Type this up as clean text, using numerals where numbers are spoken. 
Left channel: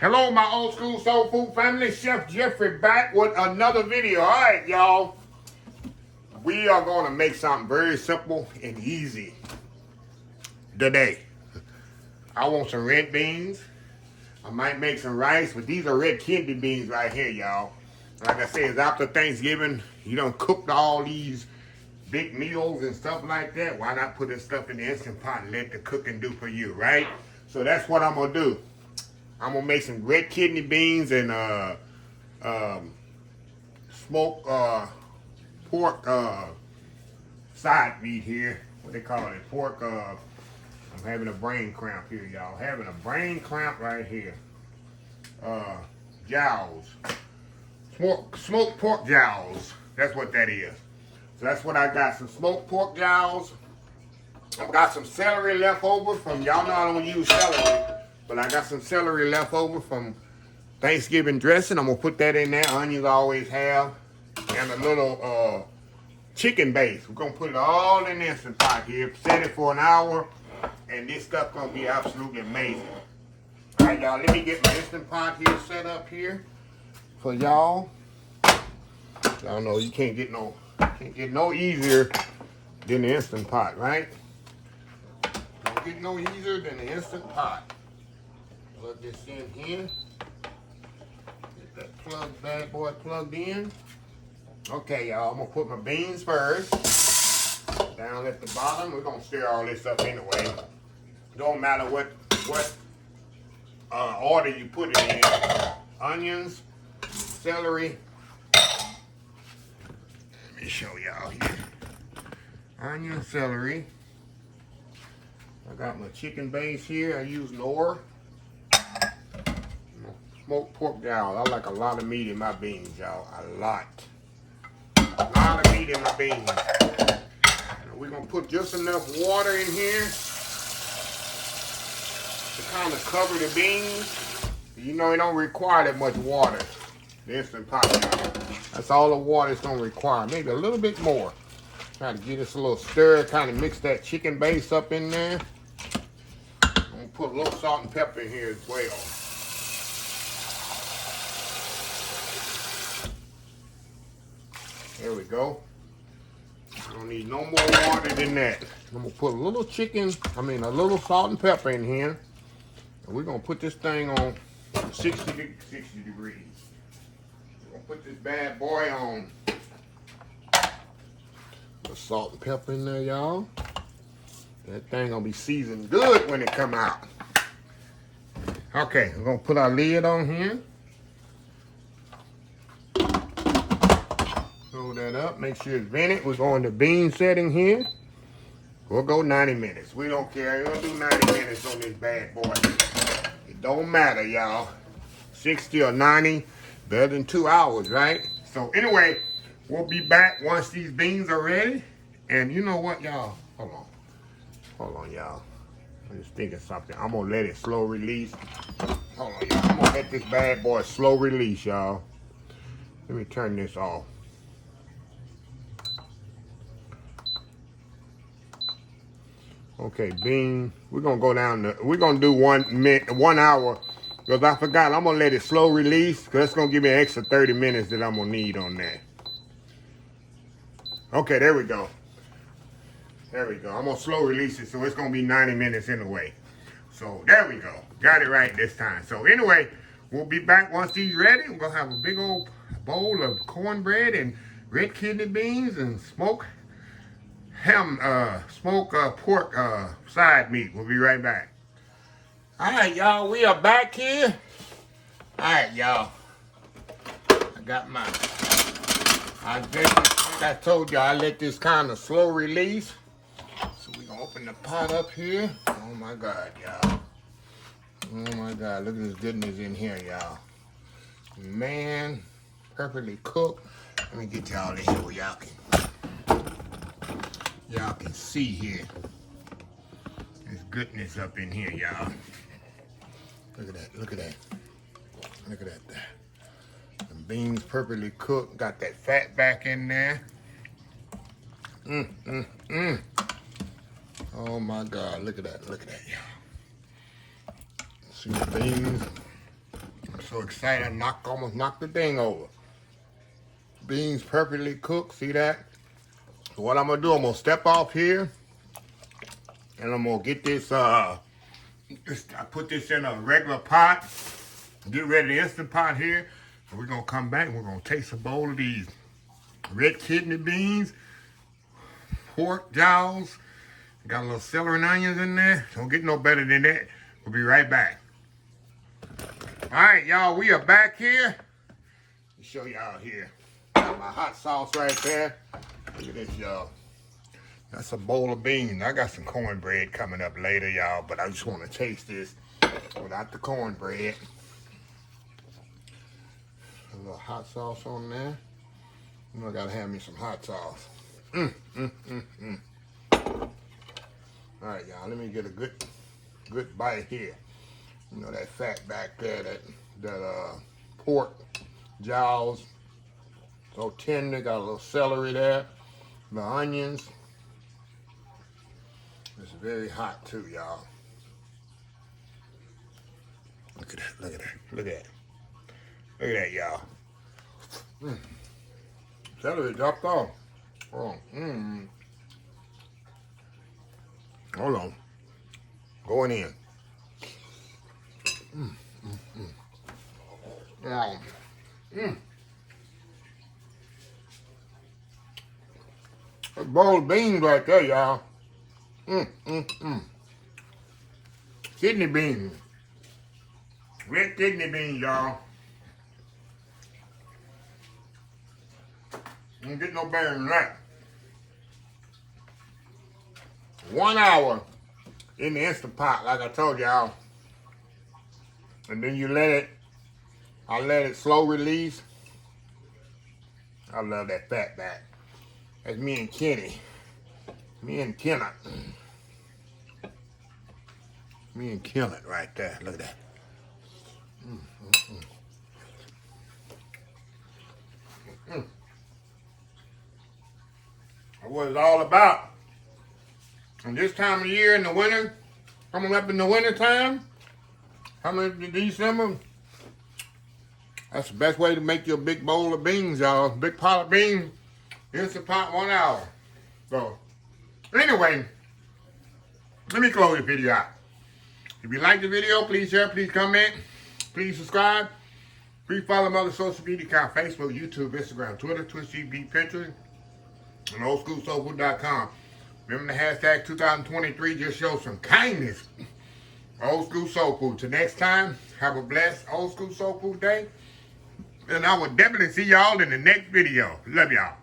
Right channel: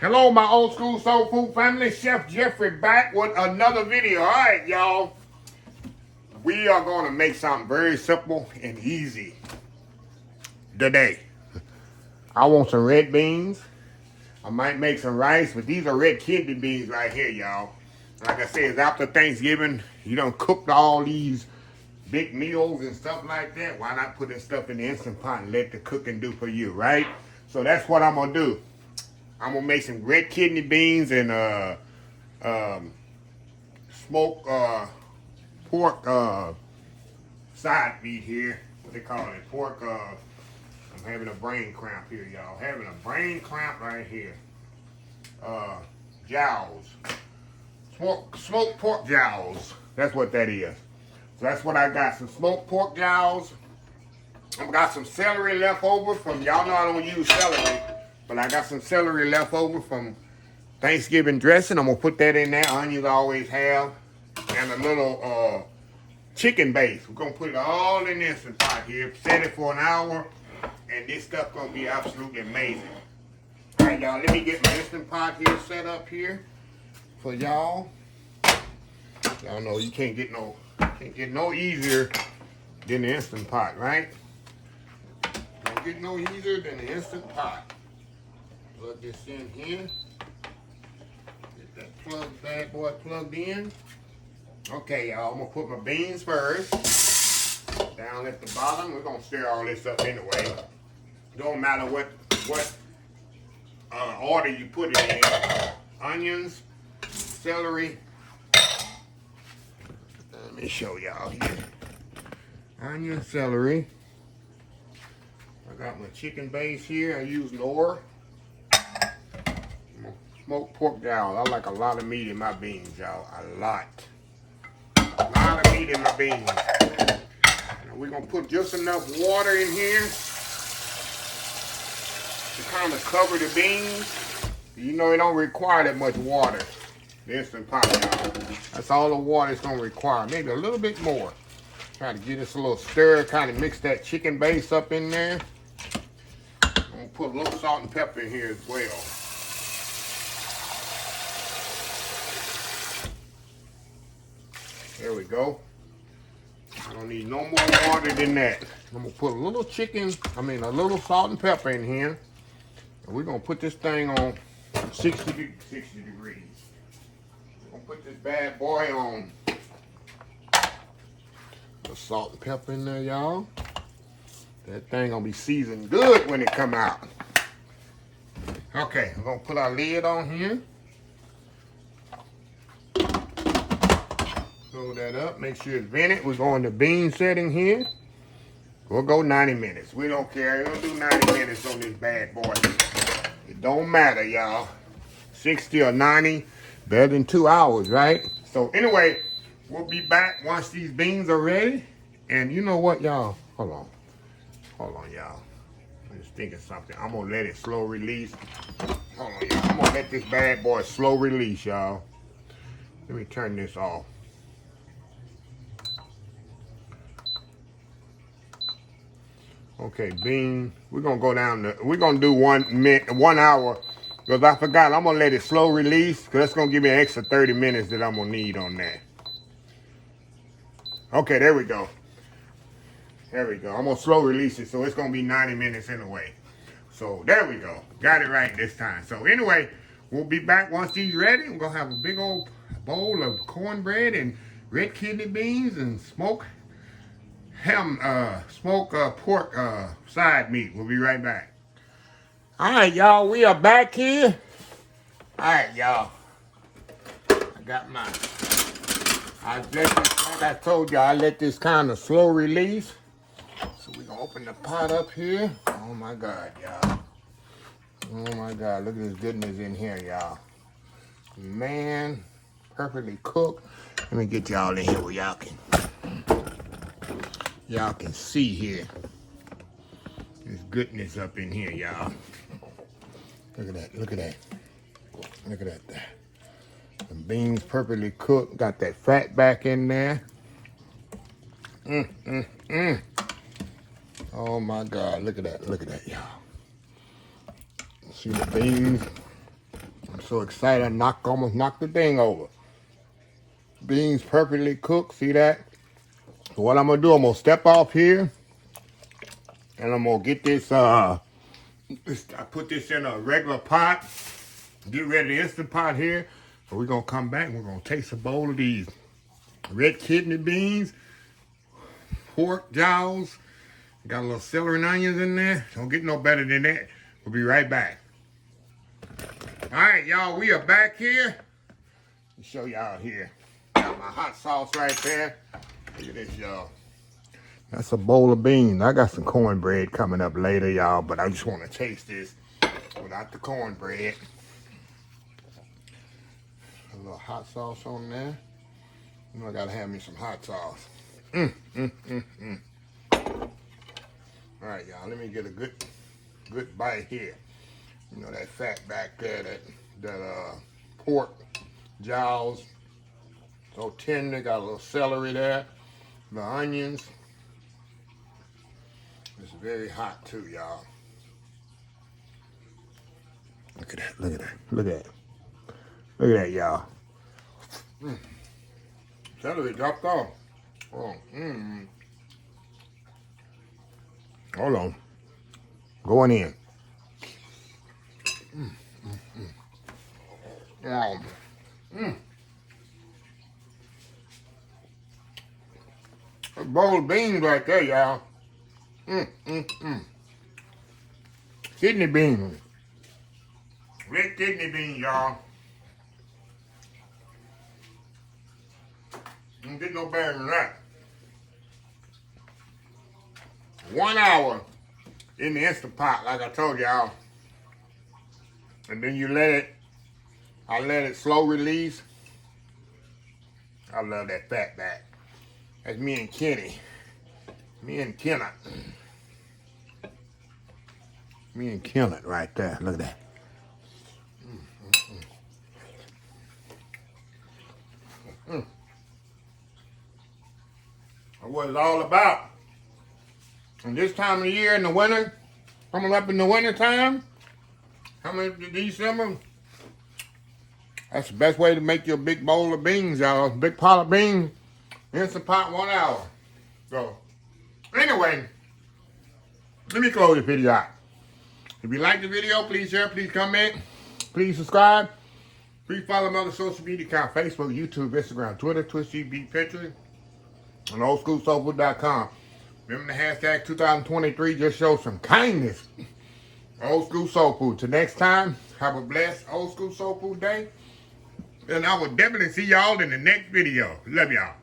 Hello, my old school soul food family. Chef Jeffrey back with another video. All right, y'all. We are going to make something very simple and easy today. I want some red beans. I might make some rice, but these are red kidney beans right here, y'all. Like I said, it's after Thanksgiving. You done cooked all these big meals and stuff like that. Why not put this stuff in the Instant Pot and let the cooking do for you, right? So that's what I'm going to do. I'm going to make some red kidney beans and smoked pork side meat here. What they call it? Pork. I'm having a brain cramp here, y'all. Having a brain cramp right here. Jowls. Smoked pork jowls. That's what that is. So that's what I got. Some smoked pork jowls. I've got some celery left over from, y'all know I don't use celery, but I got some celery left over from Thanksgiving dressing. I'm going to put that in there. Onions I always have. And a little chicken base. We're going to put it all in the Instant Pot here. Set it for an hour. And this stuff going to be absolutely amazing. All right, y'all. Let me get my Instant Pot here set up here for y'all. Y'all know you can't get no easier than the Instant Pot, right? Don't get no easier than the Instant Pot. Plug this in here. Get that bad boy plugged in. Okay, y'all, I'm gonna put my beans first. Down at the bottom. We're gonna stir all this up anyway. Don't matter what order you put it in. Onions, celery. Let me show y'all here. Onion, celery. I got my chicken base here. I use Nor. Smoked pork jowl. I like a lot of meat in my beans, y'all. A lot of meat in my beans. Now we're going to put just enough water in here to kind of cover the beans. You know, it don't require that much water. The Instant Pot, y'all. That's all the water it's going to require. Maybe a little bit more. Try to get this a little stir, kind of mix that chicken base up in there. I'm going to put a little salt and pepper in here as well. There we go. I don't need no more water than that. I'm going to put a little a little salt and pepper in here. And we're going to put this thing on 60 degrees. We're going to put this bad boy on. The salt and pepper in there, y'all. That thing gonna be seasoned good when it come out. Okay, we're gonna put our lid on here. Hold that up, make sure it's vented. We're going to bean setting here. We'll go 90 minutes. We don't care. We're gonna do 90 minutes on this bad boy. It don't matter, y'all. 60 or 90, better than 2 hours, right? So anyway, we'll be back once these beans are ready. And you know what, y'all? Hold on, y'all. I'm just thinking something. I'm going to let it slow release. Hold on, y'all. I'm going to let this bad boy slow release, y'all. Let me turn this off. Okay, bean. We're going to go down to, we're going to do 1 hour. Because I forgot, I'm going to let it slow release. Because that's going to give me an extra 30 minutes that I'm going to need on that. Okay, there we go. There we go. I'm going to slow release it, so it's going to be 90 minutes anyway. So, there we go. Got it right this time. So, anyway, we'll be back once these ready. We're going to have a big old bowl of cornbread and red kidney beans and smoked pork side meat. We'll be right back. All right, y'all. We are back here. All right, y'all. I got my... like I told you, I let this kind of slow release. So we're gonna open the pot up here. Oh my God, y'all. Oh my God, look at this goodness in here, y'all. Man, perfectly cooked. Let me get y'all in here where y'all can see here. There's goodness up in here, y'all. Look at that, look at that. Look at that. The beans perfectly cooked. Got that fat back in there. Oh my God, look at that, y'all. See the beans so excited I almost knocked the thing over. Beans perfectly cooked, see that? So what I'm gonna do, I'm gonna step off here and I'm gonna get this, I put this in a regular pot, get ready the Instant Pot here. So we're gonna come back and we're gonna taste a bowl of these red kidney beans, pork jowls, got a little celery and onions in there. Don't get no better than that. We'll be right back. All right, y'all, we are back here. Let me show y'all here. Got my hot sauce right there. Look at this, y'all. That's a bowl of beans. I got some cornbread coming up later, y'all, but I just want to taste this without the cornbread. A little hot sauce on there. You know, I gotta have me some hot sauce. All right, y'all, let me get a good bite here. You know, that fat back there, that pork jowls, so tender. Got a little celery there, the onions. It's very hot too, y'all. Look at that, look at that, look at that. Look at that, y'all. Celery dropped off. Oh, Hold on. Going in. A bowl of beans right there, y'all. Kidney beans. Red kidney beans, y'all. Don't get no better than that. 1 hour in the Instant Pot, like I told y'all. And then you I let it slow release. I love that fat back. That's me and Kenny. Me and Kenneth. Me and Kenneth right there. Look at that. That's what it's all about. And this time of the year in the winter, coming up in the winter time, coming to December, that's the best way to make your big bowl of beans, y'all. Big pot of beans, Instant Pot, 1 hour. So, anyway, let me close the video out. If you like the video, please share, please comment, please subscribe. Please follow my other social media account, Facebook, YouTube, Instagram, Twitter, Twitch TV, Pinterest, and oldschoolsoulfood.com. Remember the hashtag 2023, just show some kindness. Old School Soul Food. Till next time, have a blessed Old School Soul Food day. And I will definitely see y'all in the next video. Love y'all.